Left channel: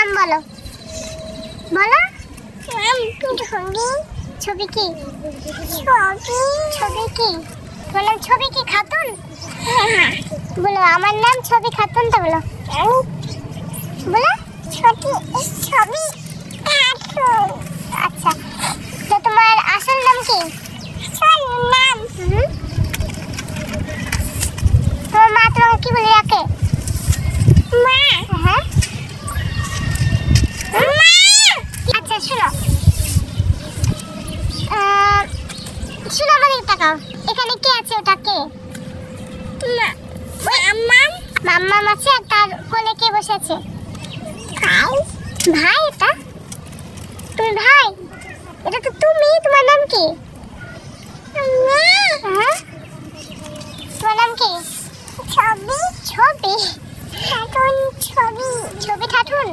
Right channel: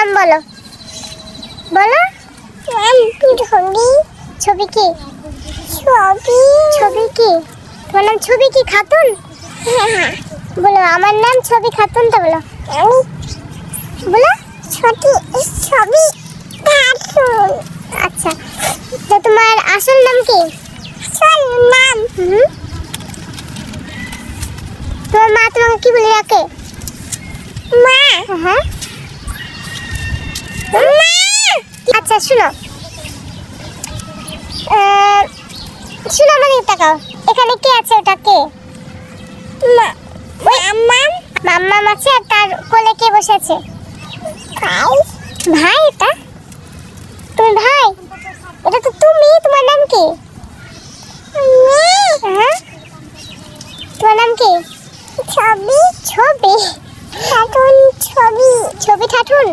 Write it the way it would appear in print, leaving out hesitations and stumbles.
নাম বলো বলো। ছবি। ছবি কি? ছবি কি? তোমার নাম ছবি কি খাতুন? বলো আমার নাম ছবি খাতুন। তো বলো বলো ছবি ছবি খাতুন। আচ্ছা, তো তোমার আসল নাম কি? আসল নাম তোমার মা তোমাকে কি বলে ডাকে? মা। হ্যাঁ মা। আচ্ছা শোনো, শোনো আমার দিকে তাকাও। এখানে কে আছে? ওটা কে? মা। মাম্মাম। মাম্মাম আছে, আর তার কোলে কে বসে আছে? ভাই। ভাই? এটা তুমি ভাই? এটা তো তুমি। তোমার নাম কি? হ্যাঁ, তোমার নাম কি? ছবি। ছবি খাতুন। ছবি। ছবি খাতুন।